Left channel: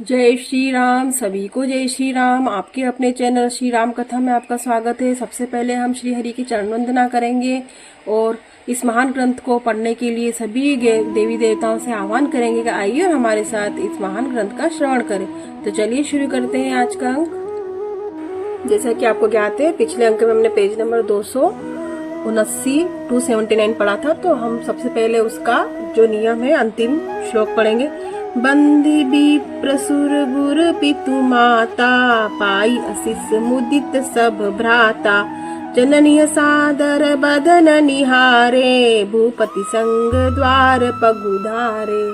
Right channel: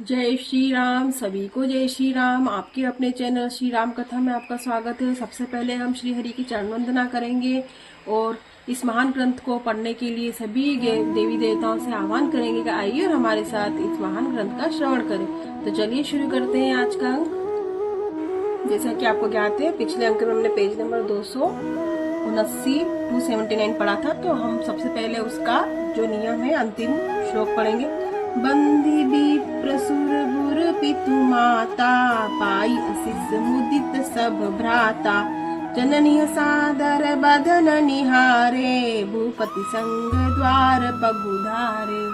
जय श्री राम। सभी को जय श्री राम। आपके अपने चैनल श्री राम कथा में आपका स्वागत है। सबसे पहले हम श्री हरि की चरण वंदना करेंगे और इस महान ग्रंथ को पढ़ने के लिए सभी देवी देवताओं से आह्वान करेंगे कि आइए और हमारे साथ इस महान ग्रंथ का श्रवण करें। तो चलिए शुरू करते हैं आज का अंक। जैसा कि आपको ज्ञात है, पिछले अंक में हमने पेज नंबर 279 पढ़ा था। तो हम सबसे पहले उसका जो नियम है अंतिम श्लोक पढ़ेंगे। बंदी भी प्रसुर गुर पितु माता, पाई असिस मुदित सब भ्राता, जननी सादर बदन निहारे, भूपति संग द्वार पगुधारे।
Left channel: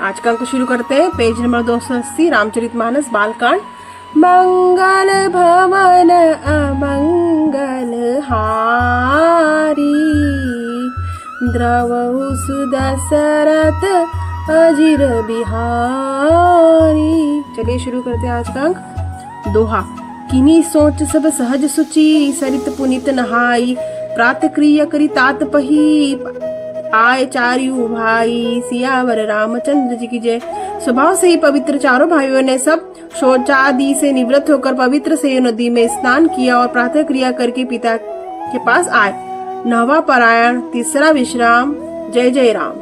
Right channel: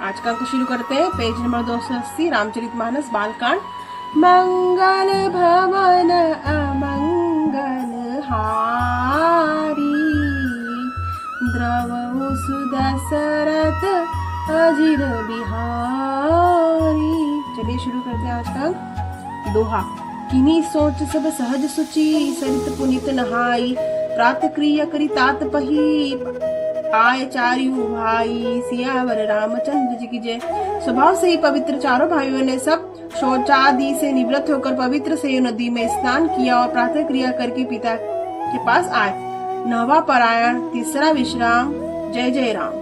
आज का अंक शुरू करते हैं। Page number 280 Ramcharitmanas Balkand. मंगल भवन अमंगल हारी, द्रवहु सुदशरथ अजिर बिहारी। चलिए शुरू करते हैं आज का अंक। दोहा। किनी सोच सब सहज सुचि, सरित पुनित नहाई, प्रात क्रिया करी तात पही, आए चारियू भाई, सियावर रामचंद्र जी की जय। स्वभाव से ही पवित्र चारों भाइयों ने सब शौचादि से निवृत्त होकर पवित्र से नदी में स्नान किया और प्रातः क्रिया करके पिता के पास आए। नवा पारायण, तीसरा विश्राम। जय जय राम।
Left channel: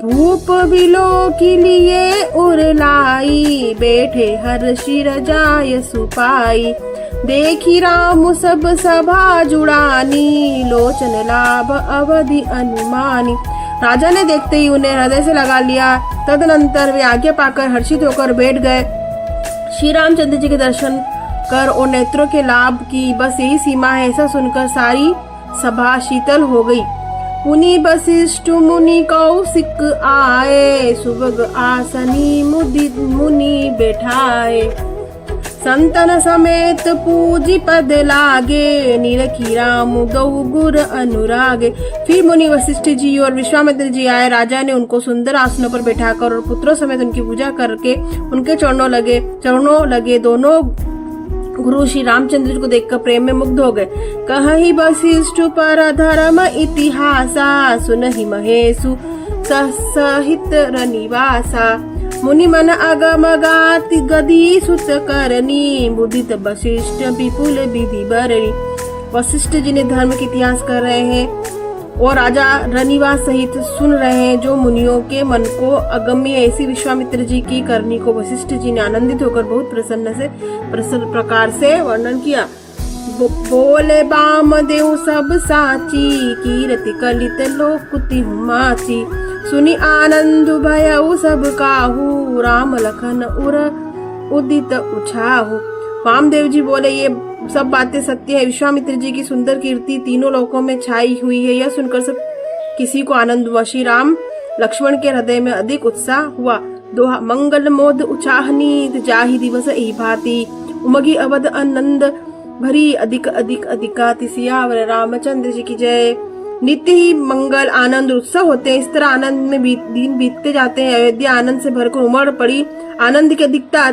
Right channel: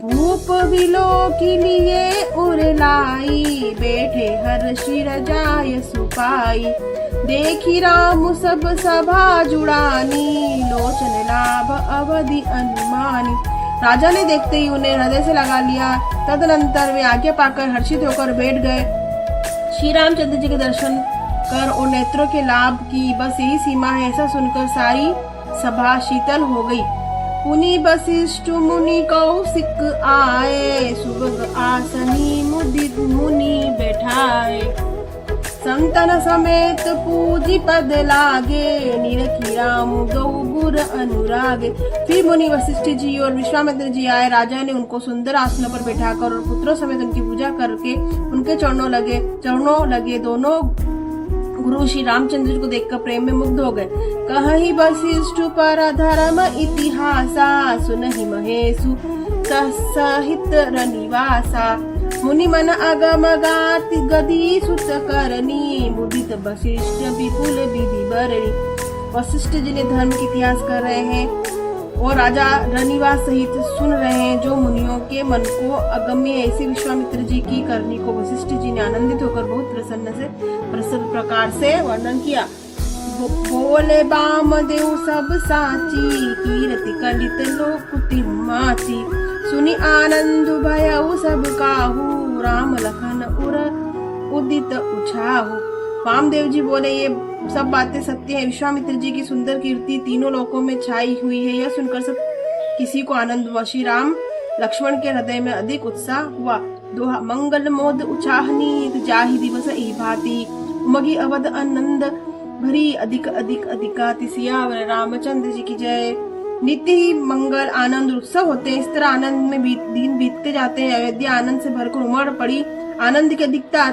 भूप बिलो के लिए उरलाई, बैठे हर्षि रजाय सुपाई, देखी राम सब सभा जुड़ानी, लोचन लाभ अवधि अनुमानी। राजा ने देखते ही उन्हें हृदय से लगा लिया। तदनंतर वे आज्ञा पाकर हर्षित होकर बैठ गए। श्री रामचंद्र जी के दर्शन कर और नेत्रों के लाभ की बस यही सीमा है, ऐसा सुनकर सारी सभा शीतल हो गई। पुनि वशिष्ठ मुनि कौशिक आए, सुभग आसनी मुदित मुनि बैठाए, संतन समेत पूजी पद लागे, निरखी राम गौ गुर अनुरागे। फिर मुनि वशिष्ठ जी और विश्वामित्र जी आए। राजा ने उनको सुंदर आसनों पर बैठाकर और पुत्रों समेत उनकी पूजा करके उनके चरणों लगे। दोनों गुरु श्री रामचंद्र को देखकर प्रेम में मुग्ध हो गए। कहि वशिष्ठ पर धर्म इतिहासा, सुनहि महेशु सहित रनिवासा, मुनि मन अगम गाति गदी सुत करनी, मुदित वशिष्ठ विपुल विधि बरनी। वशिष्ठ जी ने धर्म के इतिहास कर रहे हैं और राजा रनिवास सहित सुन रहे हैं। जो मुनियों के मन को अगम्य ऐसी विश्वामित्र जी की करनी को वशिष्ठ जी ने आनंदित होकर बहुत प्रसन्न प्रकार से वर्णन किया। बोले बामदेव सब साची, कीर्ति कलित लोकुति माची, सुनि आनंद भयउ सब काहू, राम लखन उर उदित उछाहू। वामदेव जी बोले, ये सब बातें सत्य है। विश्वामित्र जी की सुंदर कीर्ति तीनों लोकों में छाई हुई है। यह सुनकर सब किसी को आनंद हुआ। श्री राम लक्ष्मण के हृदय में अधिक उत्साह हुआ। दोहा। मंगल मोद उछाहनी, जाहि दिवस ई भांति, उमगी अवध आनंद भरी, अधिक अधिक अधिकाति, सियावर रामचंद्र जी की जय। नित्य ही मंगल आनंद उत्सव होते हैं। इस तरह आनंद में दिन बीतते जाते हैं। अयोध्या आनंद से भरकर उमड़ पड़ी। आनंद की अधिकता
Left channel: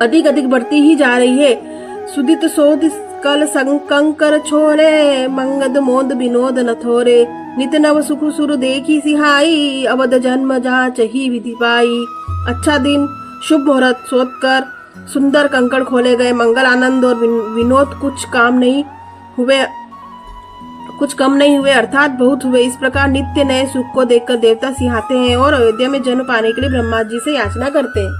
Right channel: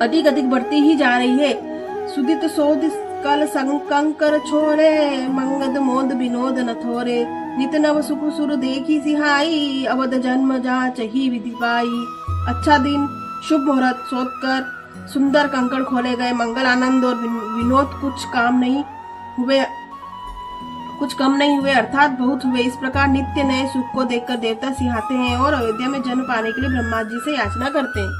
अधिक अधिक बढ़ती ही जा रही है। सुदित सोद कल कंकर छोरे, मंगद मोद विनोद न थोरे, नित नव सुख सुर देखी सिहाई, अवध जन्म जहाँ चही विधि पाई। अच्छा दिन, शुभ मुहूर्त सोचकर सुंदर कंकड़ खोले गए। मंगल आनंद और विनोद कुछ कम नहीं हुए अर्थात बहुत हुए। इस प्रकार नित्य नए सुख को देखकर देवता सिहाते हैं और अयोध्या में जन्म पाने के लिए ब्रह्मा जी से याचना करते हैं।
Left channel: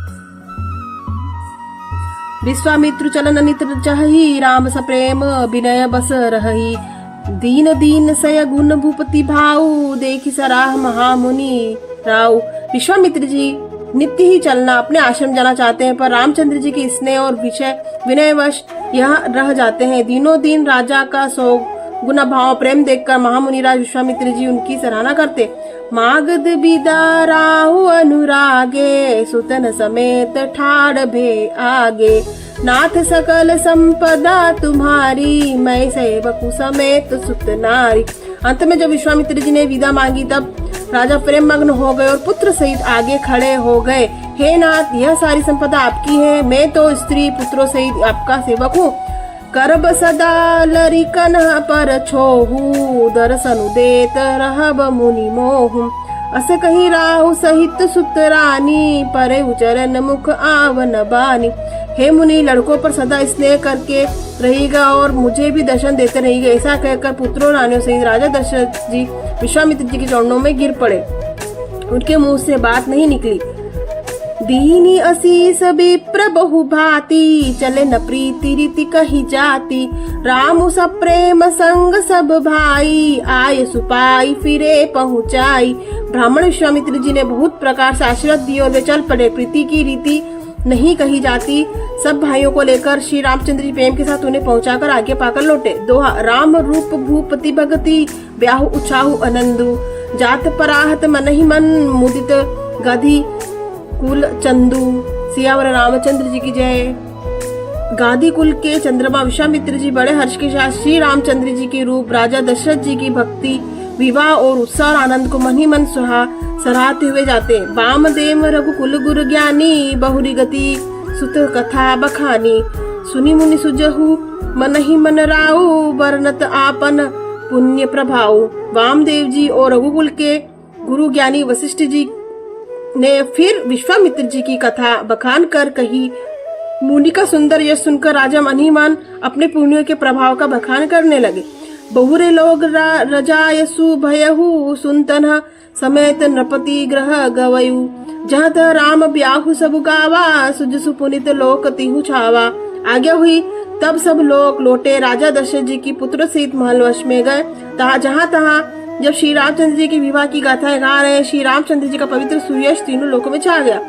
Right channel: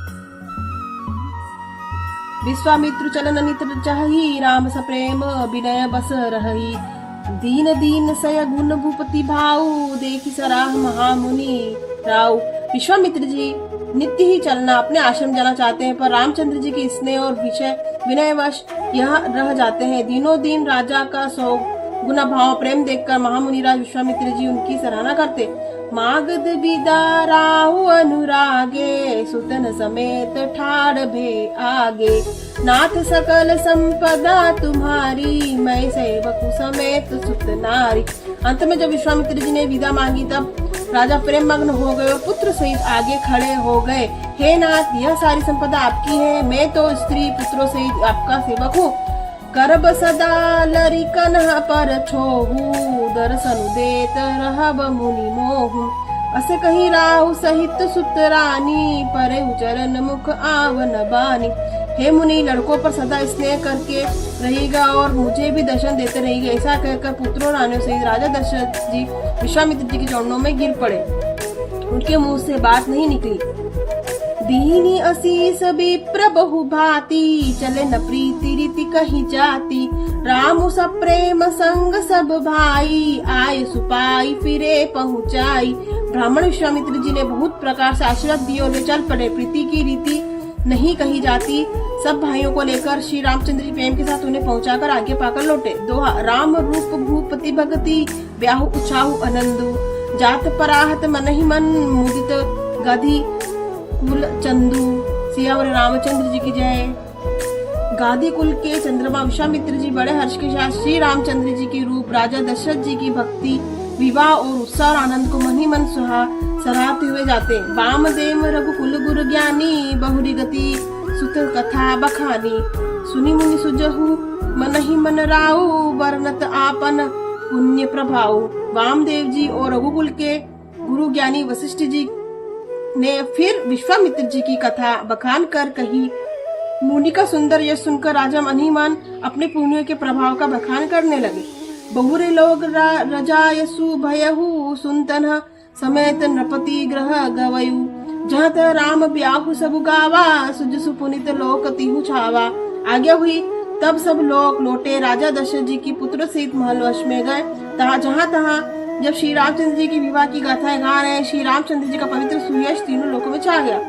विश्वामित्र चलन नित चाही, राम सप्रेम विनय बस रही, दीन दीन सय गुण भूपति भाऊ, देखी सराह महामुनि राव। विश्वामित्र जी नित्य ही चलना अपने आश्रम जाना चाहते हैं, पर रामचंद्र जी के स्नेह और विनयवश यहाँ रह जाते हैं। दिनों दिन राजा का सौ गुना भाव प्रेम देखकर महामुनिराज विश्वामित्र जी उनकी सराहना करते। मागध बिदा राहु अनुरागे, सुतन समेत ठाड़ भे आगे, नाथ सकल संपदा तुम्हारी, मैं सेवक समेत सुत नारी। अंत में जब विश्वामित्र जी ने विदा मांगी तब राजा प्रेम मग्न हो गए और पुत्र सहित आगे खड़े हो गए। हे नाथ, यह सारी संपदा आपकी है, मैं तो स्त्री पुत्रों सहित आपका सेवक हूँ। करब सदा लरिकन पर छोहू, दर्शन देत रहब मुनि मोहू। अस कहीं राहु सहित सुत रानी, परे उचरन मुख आवन बानी। हे मुनि, लड़कों पर सदा स्नेह करके रहेगा और मुझे भी दर्शन देते रहेगा। ऐसा कहकर पुत्रों रानियों सहित राजा दशरथ जी विश्वामित्र जी के चरणों में गिर पड़े। उनके मुंह से बात नहीं निकली। दीनी असीस विप्र बहु भांति, चले न प्रीति रीति कही जाती। राम सब प्रेम संग सब भाई, आय सुपाई फिरे पहुँचाई। ब्राह्मण विश्वामित्र जी ने बहुत प्रकार से आशीर्वाद दिए और वे चल पड़े। प्रीति की रीति नहीं कही जाती। सब भाइयों को लेकर श्री रामचंद्र जी प्रेम के साथ उन्हें पहुंचाकर आगे पाकर लौटे। दोहा। राम रूप भूपति भगति, ब्याहु उछाहु आनंदु। जात पराहत मन ही मन, मुदित गधि कुल चंदू। सियावर रामचंद्र जी की जय। गादी कुल के चंद्रमा विश्वामित्र जी बड़े हर्ष के साथ श्री रामचंद्र जी के रूप, राजा दशरथ जी की भक्ति, विवाह और उत्साह आनंद को मन ही मन सराहते हुए जाते। वामदेव रघुकुल गुरु ज्ञानी, बहुरी गति सुत कथा बखानी। सुनी मुनि सुजहु मन ही मन राउ, वर्णत आपन पुण्य प्रभाव। वामदेव जी और रघुकुल के गुरु ज्ञानी वशिष्ठ जी ने फिर विश्वामित्र जी की कथा बखान कर कही। मुनि का सुंदर यश सुनकर राजा मन ही मन अपने पुण्यों के प्रभाव का बखान करने लगे। बहुरे लोग रजायसु भयहु, सुनतन समेत नृपति ग्रह गवयु। जहाँ तह राम ब्याहु सब गावा, सुजसु पुनित लोक तिहु छावा। आज्ञा हुई तब सब लोग लौटे। राजा दशरथ जी की पुत्र सहित महल वश में गए। जहाँ तहाँ जब श्री रामचंद्र जी के विवाह की गाथाएं गा रहे, श्री रामचंद्र जी का पवित्र सुयश तीनों लोकों में छा गया।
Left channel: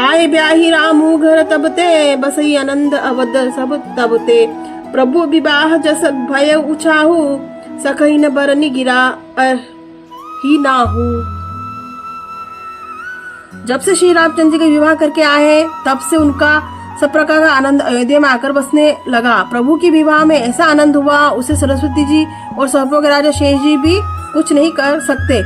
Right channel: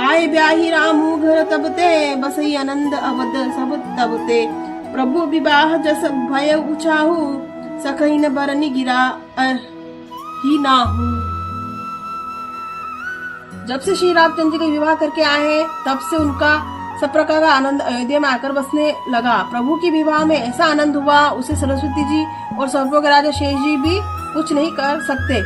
आए ब्याही रामू घर तबते, बसई आनंद अवध सब तबते। प्रभु विवाह जस भय उछाहु, सखई न बरनी गिरा ही नाहू। जब से श्री रामचंद्र जी का विवाह करके आए तब से उनका सब प्रकार का आनंद अयोध्या में आकर बसने लगा। प्रभु की विवाह में ऐसा आनंद हुआ, उसे सरस्वती जी और सर्पों के राजा शेष जी भी कुछ नहीं कर सकते।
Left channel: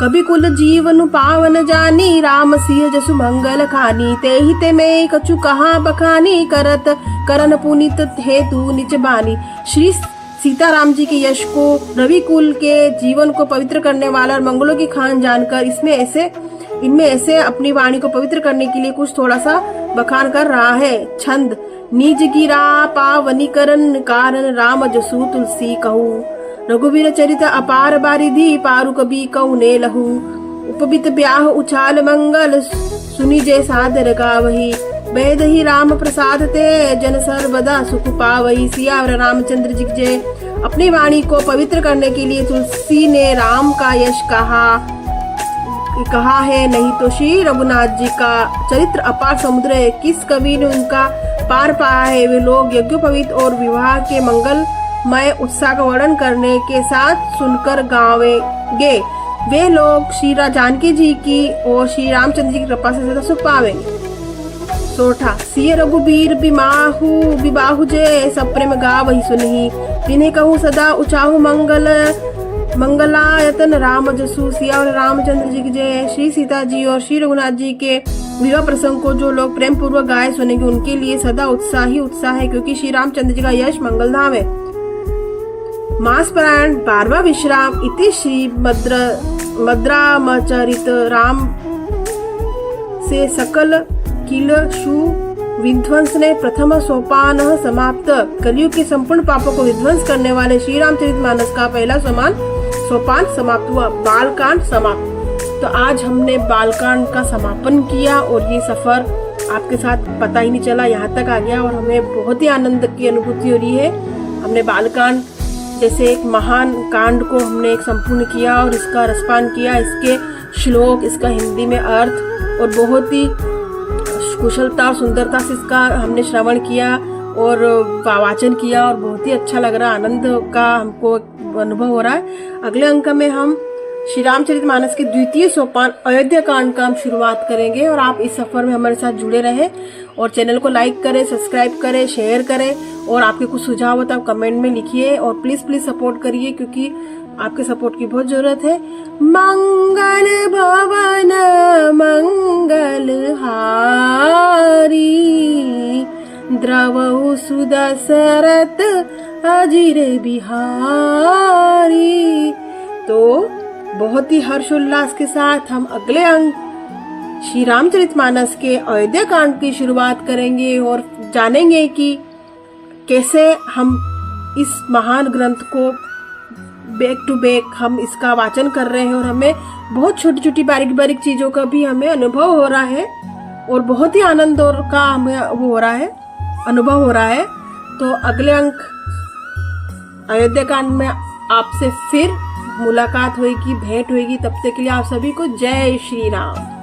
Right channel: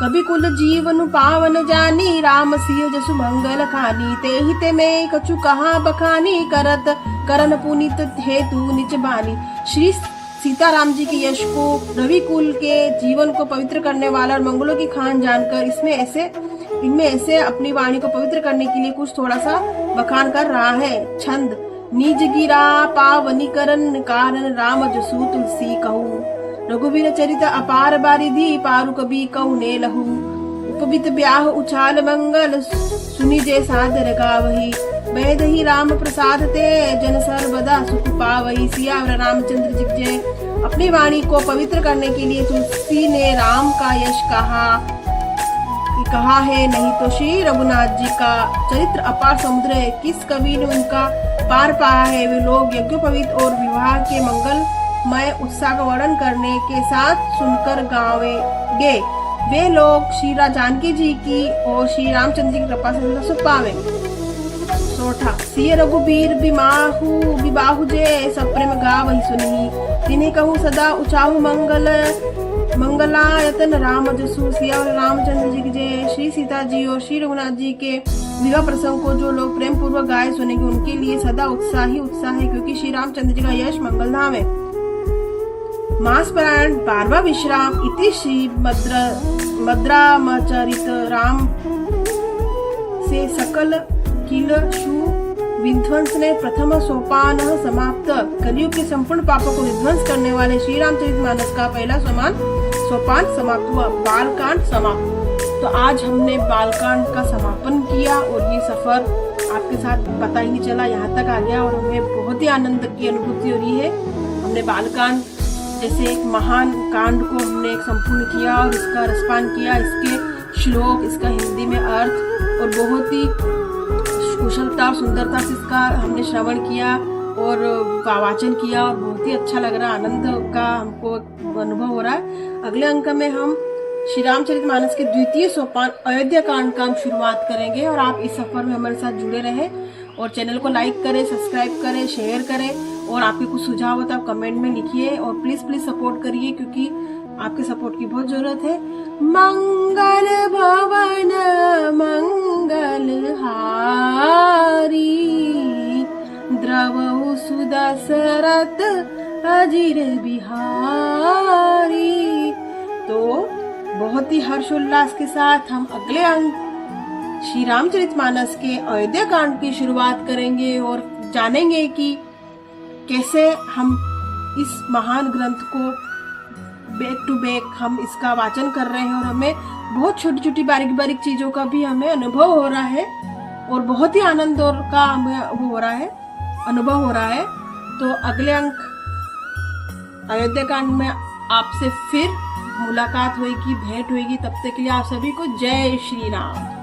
कभी कुल जीवन पावन जानी, राम सिंह जसु मंगल खानी। ते ही ते में कछु कहा बखानी, करत करन पुनित हेतु निच बानी। श्री सीताराम जी के यश को, रवि कुल के जीवन को पवित्र करने वाला और मंगलों की खान जानकर इनमें ऐसे अपनी वाणी को पवित्र करने के लिए कुछ थोड़ा सा बखान कर रहा है। छंद। निज गिरा पावनीकरण, कारण राम जसु तुलसी कहू। रघुवीर चरित अपार बारिधि, पारु कवि कहु ने लहू। उपबित ब्याह उछाल मंगल, सुनि जय सादर गावही। वेद ही राम प्रसाद ते, जन सर्वदा सुख पावही। सियावर रामचंद्र जी जय। अपनी वाणी को पवित्र करने के लिए तुलसी ने राम का यश कहा है, नहीं तो श्री रघुनाथ जी का चरित्र अपार समुद्र है। किस कवि ने उनका पार पाया है। वे लोग यज्ञोपवीत और विवाह के मंगलमय उत्साह का वर्णन करने के साथ सुनकर गावेंगे। वे लोग श्री जानकी जी की और श्री रामचंद्र जी की कृपा से सदा सुख पावे। सोठा। सिय रघुबीर बिबाहु जय, सब प्रेम गावहि सुनहि। तिन्हें कहूँ सदा उचाहु मंगलायतन राम जसु। सिया और रामचंद्र जी की जय। श्री सीता जी और श्री रघुनाथ जी के विवाह प्रसंग को जो लोग प्रेम पूर्वक गाए सुनेंगे उनके लिए सदा उत्साह ही उत्साह है, क्योंकि श्री रामचंद्र जी का यश मंगलधाम है। मास पारायण 12वां विश्राम। इति श्री मद्रामचरित राम से सकल किल शु विध्वंस ने प्रथम सोपान समाप्त। कलयुग के संपूर्ण पापों को विध्वंस करने वाले श्री रामचरितमानस का पहला सोपान समाप्त हुआ। बालकांड समाप्त। तो आज हमने बालकांड का समापन किया और ये सफर आपके साथ पता ही नहीं चला, यहाँ तक आ गया और हमें बहुत ही आनंद की अनुभूति हो रही है। हमने बालकांड जैसे एक महान कांड को हमने संपूर्ण किया और इसका रसपान किया, इसके श्लोक, इसका हिंदी में अर्थ और बहुत ही कुशलता और सुंदरता से इसका हमने श्रवण किया और वाचन किया और बहुत ही अच्छा लग रहा है, आनंद का हमको अनुभव हो रहा है। अगले अंक में हम श्री रामचरितमानस के द्वितीय सोपान अयोध्या कांड का हम शुरुआत करेंगे और आप इस सफर में हमारे साथ जुड़े रहें और चैनल को लाइक करें, सब्सक्राइब करें, शेयर करें और आपके कुछ सुझाव हो तो आप कमेंट में लिखिए और प्लीज सपोर्ट करिए, क्योंकि आपके सपोर्ट की बहुत जरूरत है। मंगल भवन मंगल हारी, द्रवहु सुदशरथ अजिर बिहारी। तो बहुत ही हर्षोल्लास के साथ हम अगले अंक श्री रामचरितमानस के अयोध्या कांड की शुरुआत करेंगे और जानेंगे कि कैसे हम इस महान ग्रंथ को बैक टू बैक हम इसका वाचन कर रहे हैं और हमें बहुत छोटी छोटी बारीक बारीक चीजों का भी हमें अनुभव हो रहा है और बहुत ही आनंद और का हमें वो हो रहा है, अनुभव हो रहा है। तो अगले अंक अयोध्या कांड में आपसे फिर मुलाकात होगी, भेंट होगी। तब तक के लिए आप सभी को जय श्री राम।